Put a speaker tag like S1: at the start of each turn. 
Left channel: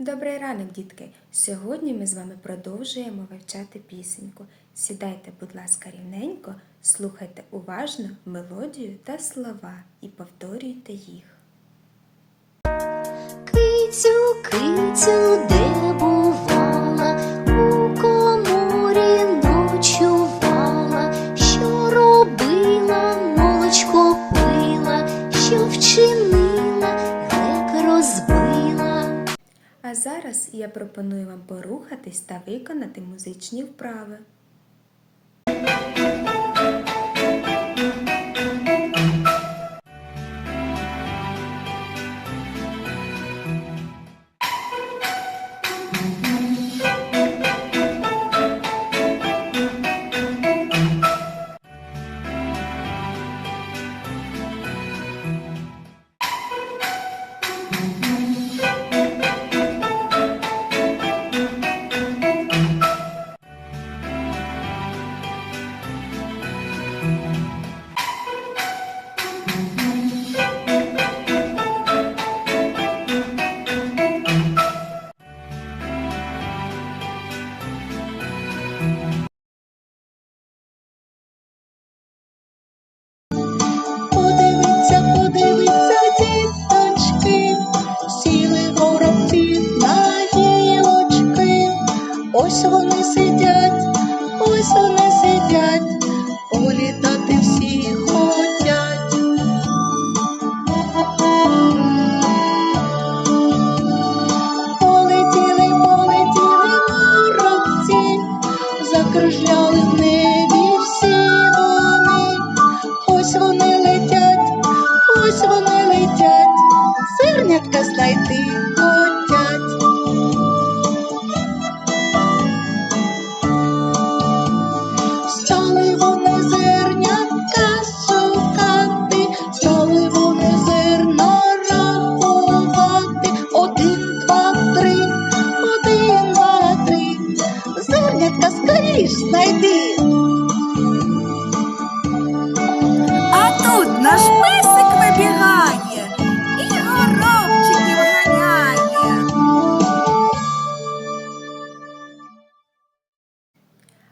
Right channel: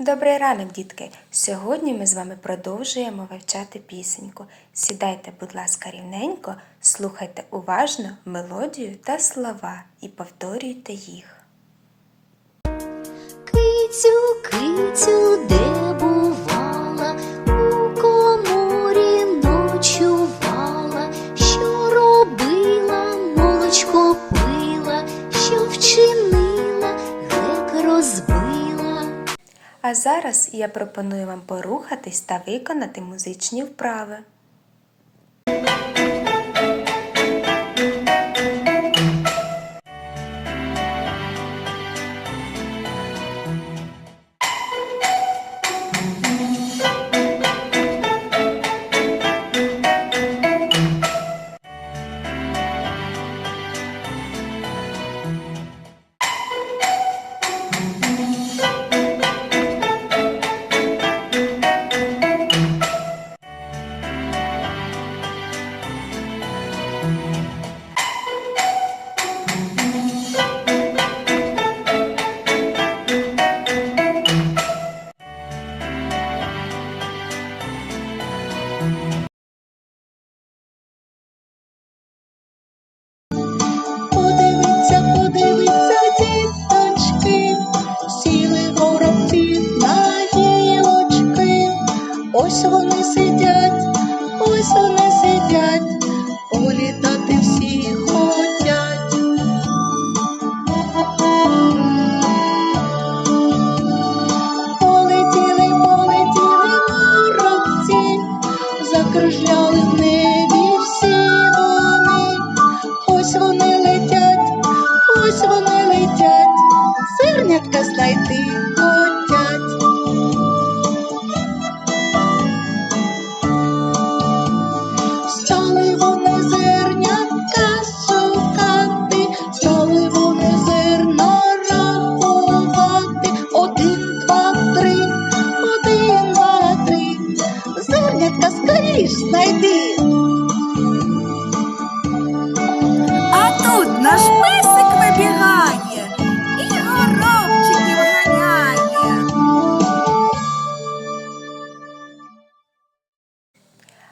S1: Добрий ранок, дітки! Сьогодні ми з вами продовжуємо вивчати пісеньку. Сідайте, будь ласка, рівненько, слухайте уважно мелодію та слова і повторюйте їх.
S2: Кицю, кицю, де бувала, у коморі ночувала, що робила, молочко пила, що вчинила,
S1: А зараз я пропоную вам порухатись та виконати музичні вправи.
S3: Ось вони сидять, ось вони сидять, зернятка знайти хотять. Стали вони зернятка шукати, стали вони зерно рахувати. Один, два, три, один, два, три. Зернятка скоріш знайди.